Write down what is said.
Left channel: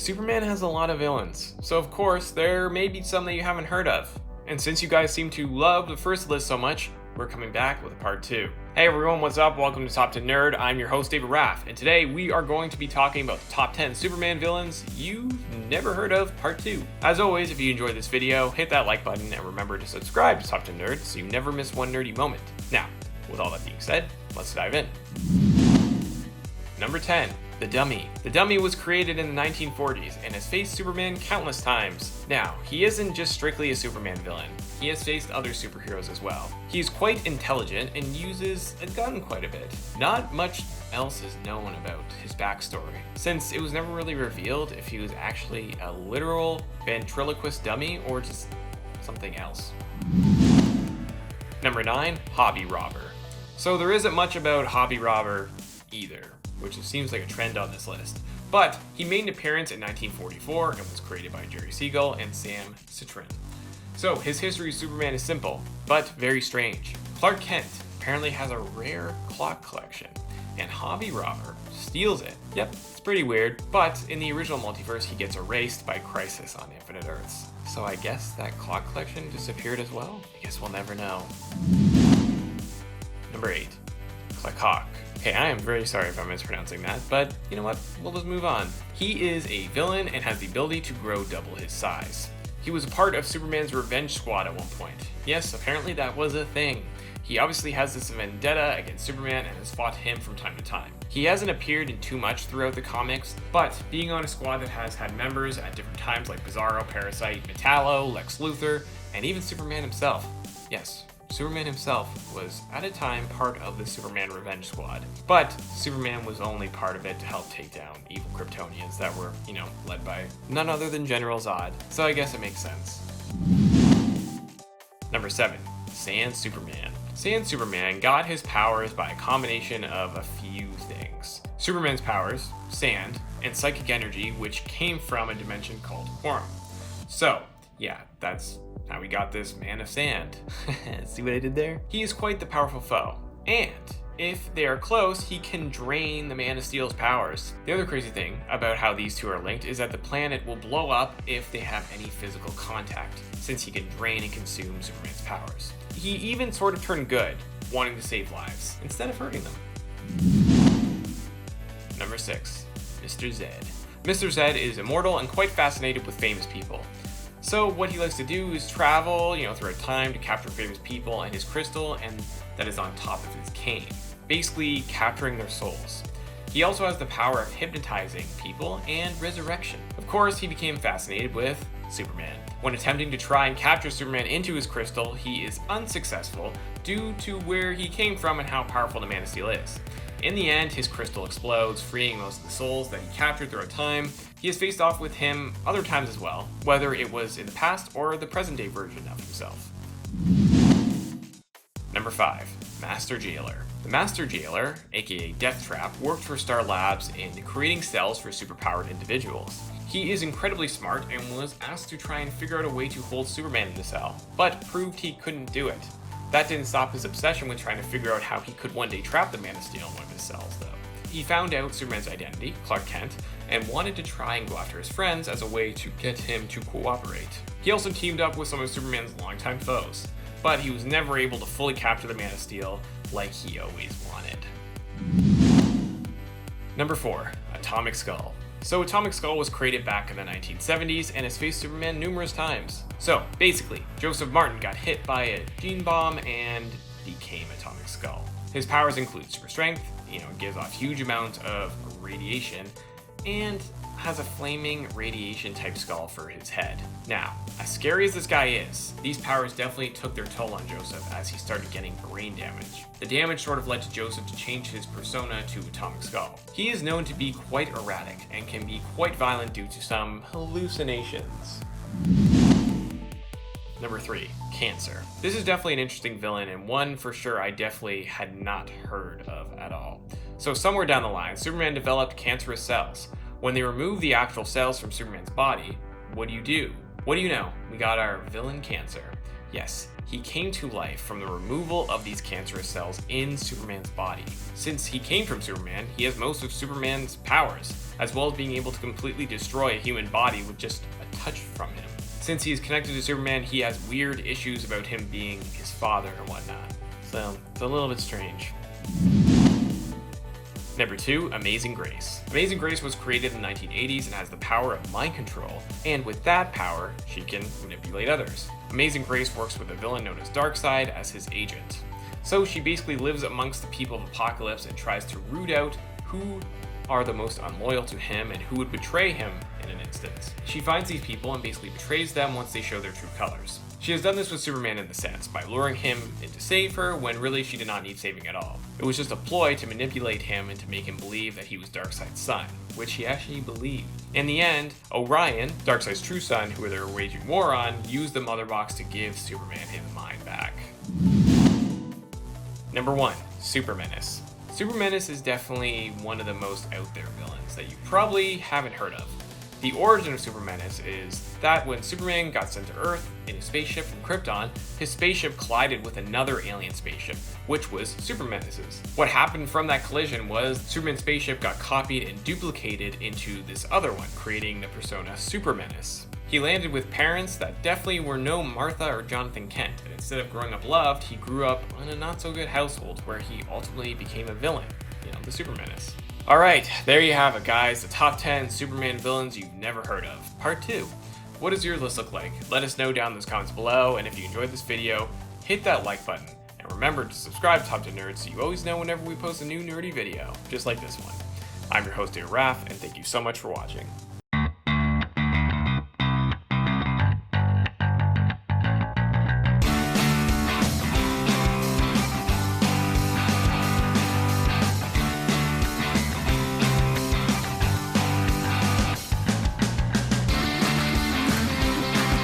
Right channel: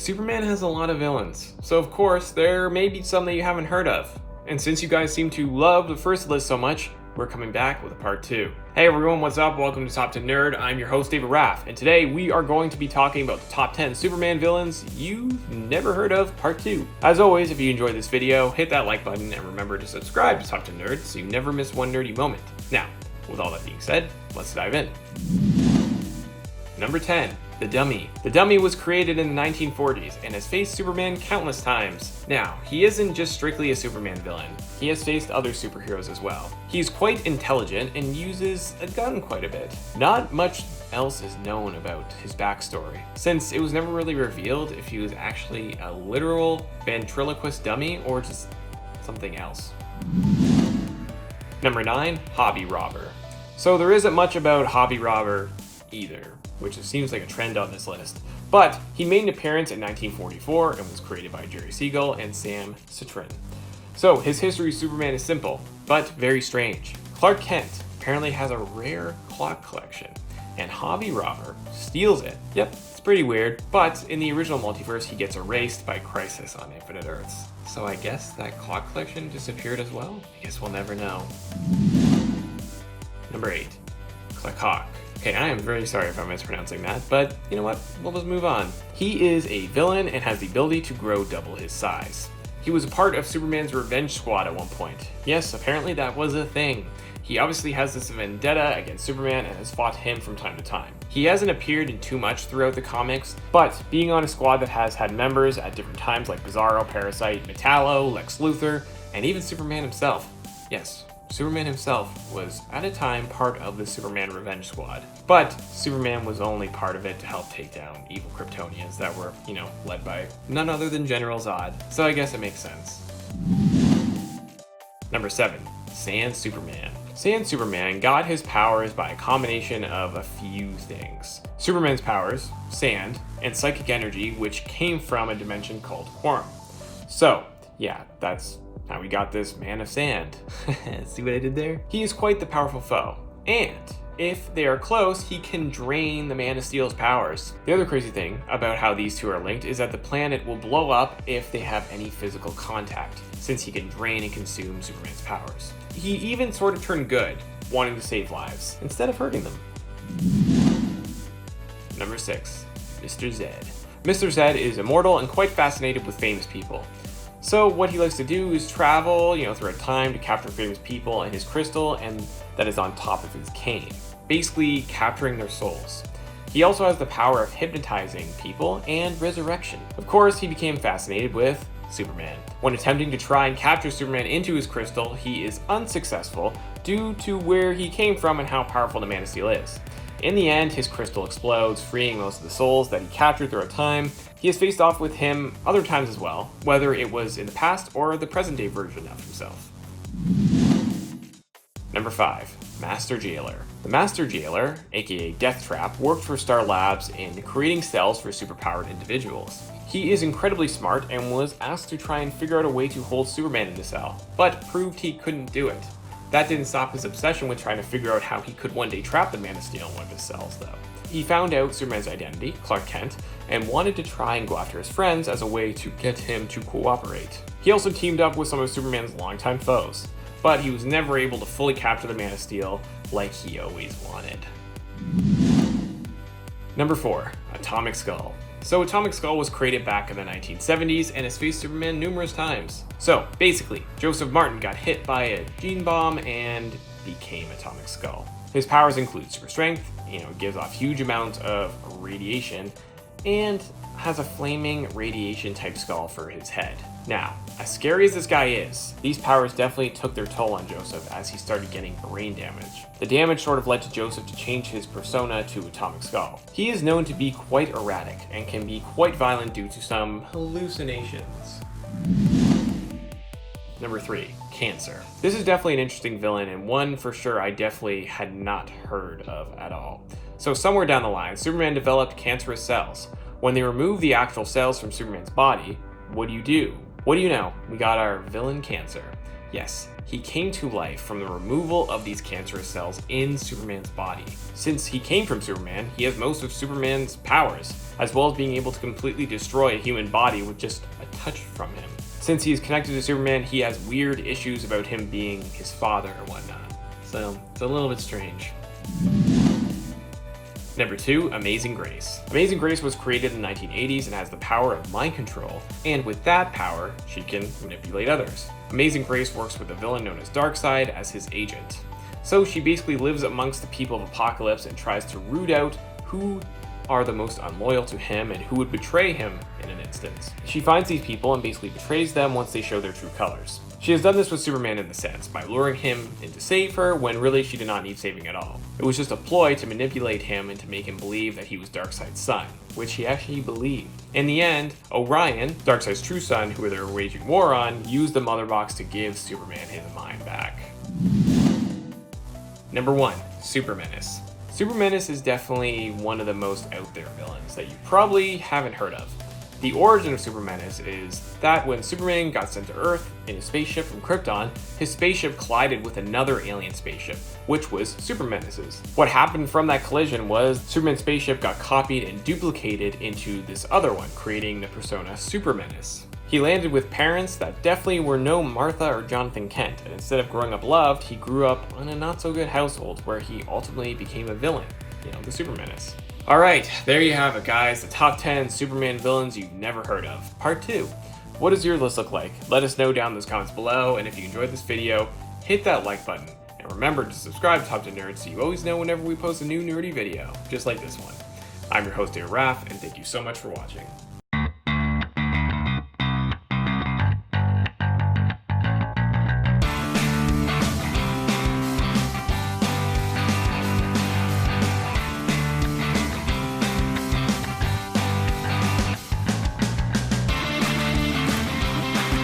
Superman has a lot of villains, so of course there may be some that you haven't heard of. And since you guys seem to love the first list so much, we're coming back with a part 2. Hey everyone, what's up? Welcome to Top 10 Nerd. I'm your host, David Raff, and today we are going to be talking about the top 10 Superman villains you've never heard of, part 2. As always, if you enjoyed this video, hit that like button and remember to subscribe to Top 10 Nerd so you never miss one nerdy moment. Now, with all that being said, let's dive in. Number 10. The Dummy. The Dummy was created in the 1940s and has faced Superman countless times. Now, he isn't just strictly a Superman villain. He has faced other superheroes as well. He's quite intelligent and uses a gun quite a bit. Not much else is known about his backstory, since it was never really revealed if he was actually a literal ventriloquist dummy or just something else. Number 9. Hobby Robber. So there isn't much about Hobby Robber either, which seems like a trend on this list. But he made an appearance in 1944 and was created by Jerry Siegel and Sam Citrin. So his history of Superman is simple, but very strange. Clark Kent apparently has a rare clock collection, and Hobby Robber steals it. Yep, it's pretty weird, but in the original multiverse he gets erased by Crisis on Infinite Earths. So I guess that clock collection disappeared as well? I guess we'll never know. Number 8. Hawk. Okay, I am very sorry if I'm mispronouncing that, but you know what? We'll just move on. He is a villain and has the ability to grow double his size. He was a part of Superman's Revenge Squad at one point. Yes, apparently that was a thing. He obviously has this vendetta against Superman and has fought him from time to time. He hasn't appeared in too much throughout the comics, but being on a squad that has had members at different times like Bizarro, Parasite, Metallo, Lex Luthor, and even Superman himself. Yes, Superman himself was at a time part of the Superman Revenge Squad, but Superman was only part of it to help take down evil Kryptonians that were, led by none other than General Zod, so I guess it makes sense. Number 7. Sand Superman. Sand Superman got his powers by a combination of a few things. Superman's powers, sand, and psychic energy, which came from a dimension called Quorum. So, yeah, that's how he got this Man of Sand. See what I did there? He is quite the powerful foe, and if they are close, he can drain the Man of Steel's powers. The other crazy thing about how these two are linked is that the planet will blow up if they have any physical contact, since he can drain and consume Superman's powers. He even sort of turned good, wanting to save lives, instead of hurting them. Number 6. Mr. Zed. Mr. Zed is immortal and quite fascinated with famous people. So what he likes to do is travel, through a time to capture famous people and his crystal, and that is on top of his cane, basically capturing their souls. He also has the power of hypnotizing people and resurrection. Of course, he became fascinated with Superman. When attempting to try and capture Superman into his crystal, he is unsuccessful due to where he came from and how powerful the Man of Steel is. In the end, his crystal explodes, freeing most of the souls that he captured throughout time. He has faced off with him other times as well, whether it was in the past or the present day version of himself. Number 5. Master Jailer. The Master Jailer, aka Death Trap, worked for Star Labs in creating cells for superpowered individuals. He is incredibly smart and was asked to try and figure out a way to hold Superman in the cell, but proved he couldn't do it. That didn't stop his obsession with trying to figure out how he could one day trap the Man of Steel in one of his cells, though. He found out Superman's identity, Clark Kent, and wanted to try and go after his friends as a way to get him to cooperate. He also teamed up with some of Superman's longtime foes, but he was never able to fully capture the Man of Steel like he always wanted. Number 4. Atomic Skull. So Atomic Skull was created back in the 1970s and has faced Superman numerous times. So basically, Joseph Martin got hit by a gene bomb and became Atomic Skull. His powers include super strength, gives off huge amounts of radiation, and has a flaming radiation type skull for his head. Now, as scary as this guy is, these powers definitely took their toll on Joseph as he started getting brain damage. The damage sort of led to Joseph to change his persona to Atomic Skull. He is known to be quite erratic and can be quite violent due to some hallucinations. Number 3. Cancer. This is definitely an interesting villain and one for sure I definitely had not heard of at all. So somewhere down the line, Superman developed cancerous cells. When they removed the actual cells from Superman's body, what do? What do you know? We got our villain Cancer. Yes, he came to life from the removal of these cancerous cells in Superman's body. Since he came from Superman, he has most of Superman's powers, as well as being able to completely destroy a human body with just a touch from him. Since he is connected to Superman, he has weird issues about him being his father or whatnot. So, it's a little bit strange. Number 2, Amazing Grace. Amazing Grace was created in the 1980s and has the power of mind control, and with that power, she can manipulate others. Amazing Grace works with a villain known as Darkseid as his agent. So she basically lives amongst the people of Apokolips and tries to root out who are the most unloyal to him and who would betray him in an instance. She finds these people and basically betrays them once they show their true colors. She has done this with Superman in a sense, by luring him in to save her when really she did not need saving at all. It was just a ploy to manipulate him and to make him believe that he was Darkseid's son, which he actually believed. In the end, Orion, Darkseid's true son, who they were waging war on, used the Mother Box to give Superman his mind back. Number 1, Super Menace. Super Menace is definitely one of the most out there villains that you probably haven't heard of. The origin of Super Menace is that when Superman got sent to Earth in a spaceship from Krypton, his spaceship collided with another alien spaceship, which was Super Menace's. What happened from that collision was Superman's spaceship got copied and duplicated into this other one, creating the persona Super Menace. He landed with parents that definitely were no Martha or Jonathan Kent, and instead of growing up loved, he grew up in a not so good household where he ultimately became a villain, the Super Menace. Alright, there you have it guys, the top 10 Superman villains you've never heard of. Part 2. What does your list look like? Let us know down in those comments below, and if you enjoyed this video, hit that like button. And remember to subscribe to Top 10 Nerds so you always know whenever we post a new nerdy video, just like this one. I'm your host, Raph, and thank you so much for watching.